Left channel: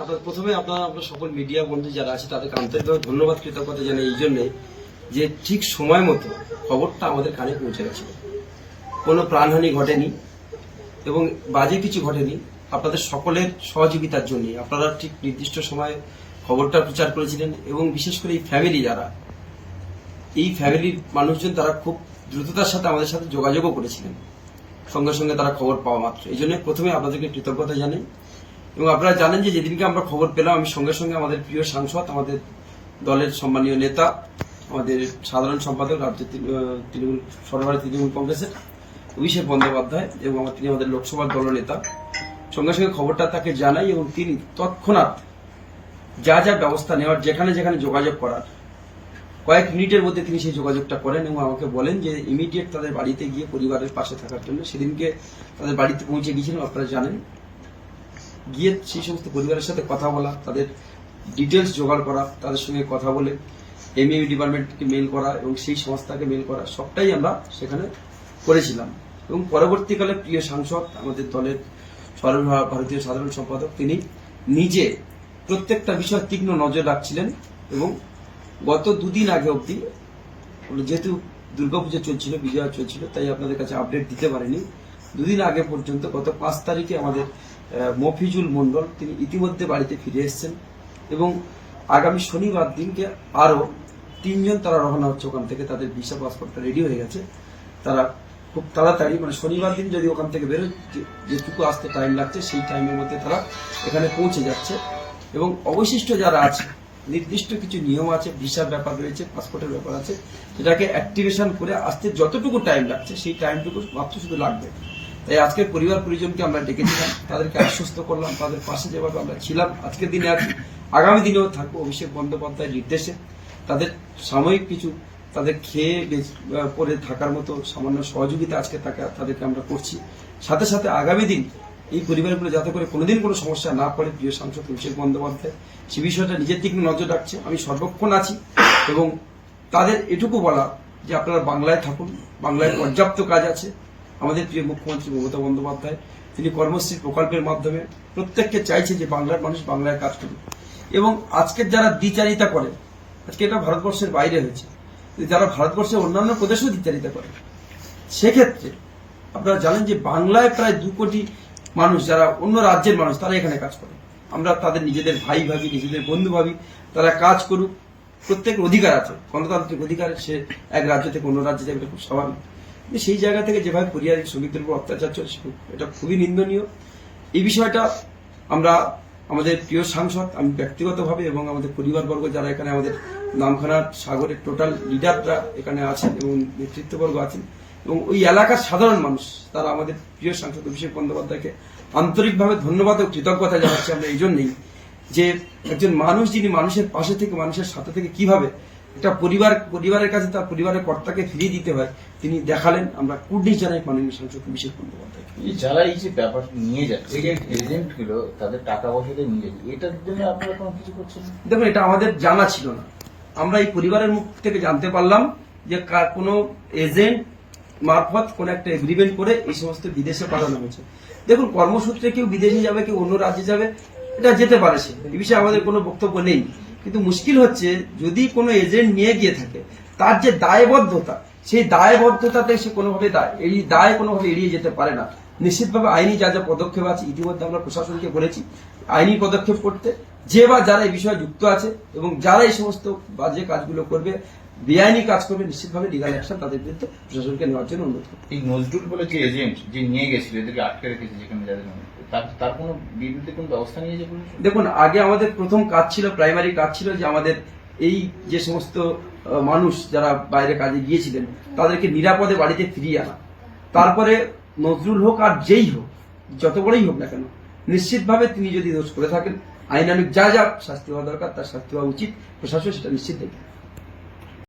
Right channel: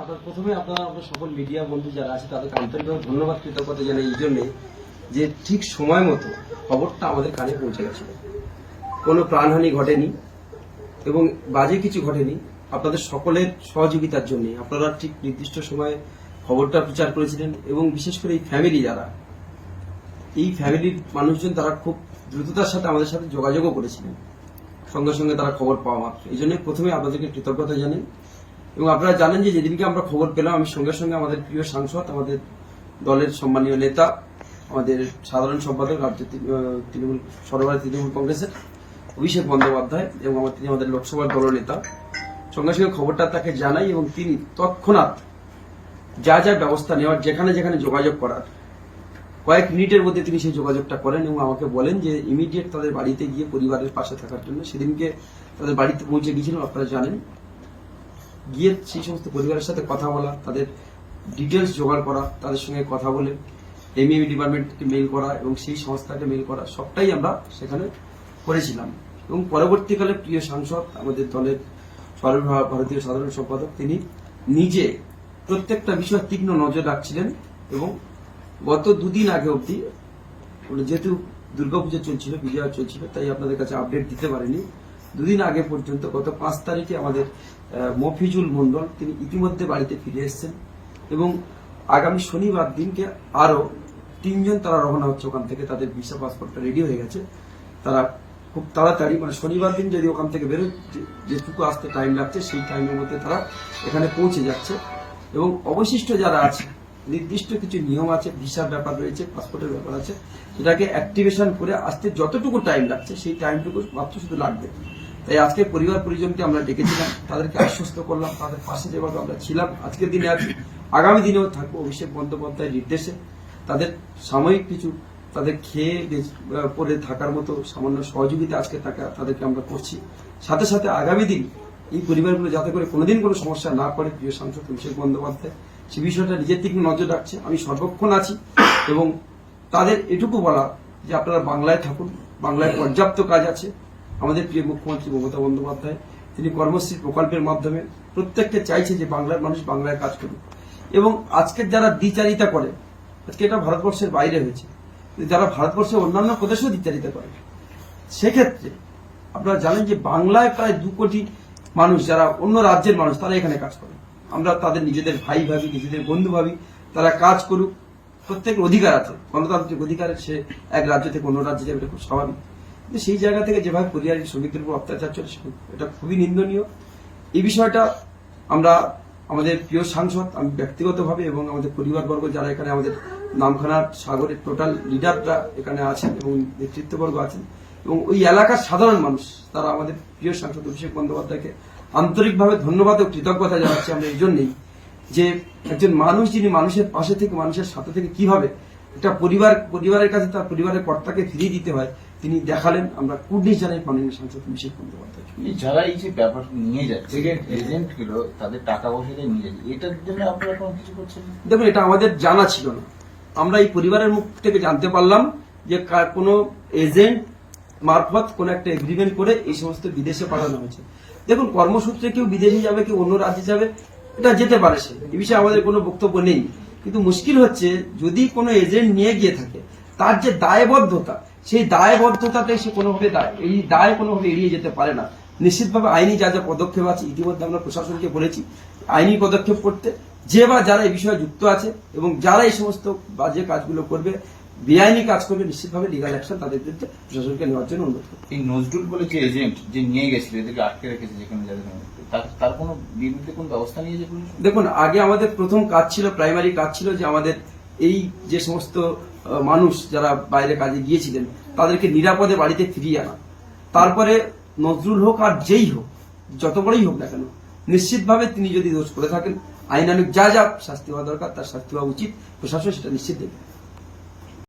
আপনার প্রথমে আপনার আপনার সকল মিডিয়া বন্ধু যারা আছে, তাদেরকে আন্তরিকভাবে ধন্যবাদ, কৃতজ্ঞতা জানাই এই জন্যে যে ঠিক সময় মতো খবরটা আমাদের কানে পৌঁছে গেছে। কোনো প্রাণহানি ঘটেনি এবং বাজে কিছু ঘটেনি। আপনাদের সকলের সহযোগিতার জন্য আপনারা ঠিক নির্দিষ্ট সময়ে খবরটা প্রচার করেছিলেন এবং বিশেষ করে এই ফ্যামিলি যারা, এই ফ্যামিলির মানুষজন তারা খুব দ্রুততার সাথে আমাদের সাথে যোগাযোগও করেছিলেন। সঙ্গে সঙ্গে তারা খবর পাওয়া মাত্র। এই জন্য প্রথমে আপনাদেরকে কৃতজ্ঞতা জানাই। এবং আপনারা জানেন যে যেদিনকে আমরা খবর পেলাম, আমি সঙ্গে সঙ্গে আমাদের প্রিয় সাংসদ, আমাদের দলের সম্মানীয় নেতা, আমাদের সাধারণ সম্পাদক রাজ্য তৃণমূল সর্বভারত তৃণমূল কংগ্রেসের অভিষেক বন্দ্যোপাধ্যায় এবং তিনি আমাদের লোকসভার দলনেতা। সঙ্গে সঙ্গে খবরটা তাকে জানাই এবং তিনি তৎক্ষণাৎ যা যা ব্যবস্থা নেওয়ার, যেখানে যেখানে যোগাযোগ করার, কয়েক মিনিটের মধ্যে তিনি সেই যোগাযোগটা করেন এবং আমাকে বলেন যে ইমিডিয়েট তাদের বাড়িতে গিয়ে পরিবারের পাশে থাকার জন্য। সেদিনকে তাদের বাড়িতে পৌঁছে গিয়েছিলাম, আপনারা জানেন। গিয়ে সেই সমস্ত পরিবারের সাথে কথা বলা, তাদের ডিটেলস জোগাড় করা, তাদের সঙ্গে কথা বলে এমইউ ডিপার্টমেন্টকে মেল করা এবং সেই সংস্থাকে মেল করা, সবটাই আমরা সেখানে করেছিলাম। এবং পরবর্তীকালে প্রিয় সাংসদ, আমাদের দলের সর্বভারতীয় সাধারণ সম্পাদক, তিনি নিজে প্রত্যেকটা বিষয় তীক্ষ্ণ নজর রাখছিলেন এবং গত দুদিন আগে অবধি, যেহেতু দুর্গাপূজা চলছিল, বিজয়া চলছিল, তাই আপনাদের কাছে আপডেট দিতে পারিনি। দুদিন আগে পর্যন্ত, গত পাঁচ তারিখে আমাদের মফিজুল মন্ডল তিনি ইতিমধ্যে বাড়িতে ফিরে এসেছেন এবং আগামী শনিবার দিনকে আরও তিনজন তারা রওনা হচ্ছে ওখান থেকে, তাদের ভিসা পাসপোর্টটা রেডি হয়ে গেছে। তারা খুব তাড়াতাড়ি মানে শনিবার দিন যদি ওখান থেকে বেরোয় যেটুকু আসতে টাইম লাগছে, সেই টাইমের মধ্যে তারা এখানে পৌঁছে যাচ্ছে। এবং অবশিষ্ট যারা আছে, নির্দিষ্ট কিছু নিয়ম আছে, ভিসার ব্যাপার রয়েছে, পাসপোর্টের ব্যাপার আছে, সেটাকে অ্যাক্টিভেশন করে আসতে যতটুকু টাইম লাগছে, সেই টাইমটুকু মাত্র শুধু লাগবে। তাই আজকে পরিবার পরিজনকে আমরা ডেকেছিলাম, তাদেরকে আশ্বস্ত করলাম, তাদের পাশে যেভাবে আমরা ছিলাম, আজকের দিনে আছি। আগামী দিনেও থাকব, অভিষেক বন্দ্যোপাধ্যায়ের নির্দেশে। তাদের সাময়িক কিছু, তাদের খেয়ে পরে থাকার মতো সামান্য সহযোগিতা আজকে তাকে, তাদেরকে আমরা করছি। সাথে সাথে আগামী দিন এই পরিবারগুলো যাতে করে কোনোদিন কোনো সমস্যা না পড়ে, প্রিয় সাংসদ অভিষেক বন্দ্যোপাধ্যায়, সে বিষয়টা নিজের দিকে নজর রাখছে। আমি সর্বক্ষণ আছি এবং তাদের এটুকু বলা যে আপনারা বাংলায় থাকুন, বাংলায় পর্যাপ্ত কাজ আছে। আমাদের প্রিয় মুখ্যমন্ত্রী মমতা বন্দ্যোপাধ্যায়, তিনি কর্মশ্রী প্রকল্পের মাধ্যমে প্রত্যেককে চাইছে যে বাংলার মানুষ বাংলায় কাজ করুক। এবং আজকের যারা দ্বিচারিতা করে, আজকে এটা ভারতবর্ষের বাইরে হয়েছে, যারা ভারতবর্ষের অন্যান্য প্রদেশেও দ্বিচারিতা করে, সেক্ষেত্রে আপনারা জানেন যে বাংলায় প্রায় দু কোটি মানুষ, যারা অন্য রাজ্যের মানুষ, তারা এখানে কাজ করে। আমরা তাদের নিজেদের ভাই ভাবি, নিজেদের বন্ধু ভাবি, তারা কাজ করুক। প্রত্যেকের অধিকার আছে, গণতান্ত্রিক অধিকার, সে এক রাজ্য থেকে অন্য রাজ্যে যাবে খুব স্বাভাবিক। সেই জায়গা থেকে যেভাবে পরিযায়ী শ্রমিকদের উপর অত্যাচার চলছে, এটা খুবই নিন্দনীয়। এই বিষয়টা আমরা আমাদের প্রিয় সাংসদ, আমি ব্যক্তিগতভাবে এবং আমাদের পরিবারবর্গ যারা এখানে আমাদের নামখানার সাগরের টোটাল লিডাররা এখানে আছেন এবং নেতৃত্ববর্গ আছেন এবং ওই এলাকার সাধারণ মানুষ, তারা আমাদের প্রিয় সাংসদ অভিষেক বন্দ্যোপাধ্যায়কে আন্তরিকভাবে ধন্যবাদ ও কৃতজ্ঞতা জানাচ্ছি আমরা এই জন্যই যে একজন মানুষ যিনি মানুষের পাশে থেকে, মানুষের সাথে থেকে কীভাবে একটা পরিবার পরিবারের কাছে তার পরিবারের কর্তাকে ফিরিয়ে দিতে হয়। তিনি দেখালেন আমরা কুর্নিশ জানাই মাননীয় সাংসদ অভিষেক বন্দ্যোপাধ্যায় যারা এই যে ব্যাপার নিয়ে যাচ্ছে এজেন্ট এজেন্টগুলো তাদের টাকা পয়সা দিয়ে নিয়ে যাচ্ছে এটার জন্য আপনারা কোনো কিছু করছেন? দেখুন এটা আমাদের জানা ছিল না। আমরা এই পরিবারের মুখ থেকে জানতে পারলাম যে কোনো এজেন্ট মারফত কোন একটা এগ্রিমেন্ট করে এই সমস্ত বিদেশে পাঠানো হয়েছে। দেখুন কর্মসূত্রে কেউ বিদেশে যাবে কেউ অন্য রাজ্যে যাবে এটা যেতে পারে সে। এই বিষয়ে আমাদের কোনো বক্তব্য নেই। কিন্তু মুশকিল হচ্ছে যদি কোনো এজেন্ট নিয়ে গিয়ে থাকে, তার যে দায়বদ্ধতা, সেই দায়বদ্ধতাতে সে কোনোভাবে দায়- কোনোভাবে এড়িয়ে যেতে পারে না। নিশ্চিতভাবে আইনি যা যা পদক্ষেপ আছে, ইতিমধ্যে আমরা প্রশাসনকে বলেছি, আইনি পদক্ষেপ করতে, যে বা যারা এই বিষয়ে যুক্ত আছে এবং যারা এই সমস্ত বাজে কাজগুলো করবে বেআইনি কাজ করবে নিশ্চিতভাবে লিগাল অ্যাকশন তাদের বিরুদ্ধে প্রশাসনকে নেওয়ার জন্য অনুরোধ করবে এই নজরুল বলে যে এজেন্ট যে নিয়ে গেছিল এদেরকে আটকে রেখেছে যেখানে যাদের তার কোনো বিরুদ্ধে কোনো ব্যবস্থা নিয়েছে দেখুন আগে আমাদের প্রথম কাজ ছিল প্রাইমারি কাজ ছিল যে আমাদের এই যে সমস্ত মানুষ যারা বাইরে কাজে গিয়েছিলেন তাদেরকে নিরাপদে বাড়িতে ফিরিয়ে আনা। তারপরে নজরুল হোক আর যেই হোক যত বড়ই হোক না কেন নিশ্চিতভাবে তিনি যদি দোষ করে থাকেন আইনানুক যা যা শাস্তি হওয়া দরকার তার শাস্তি হওয়া উচিত। প্রশাসন সেটা নিশ্চিত দেবে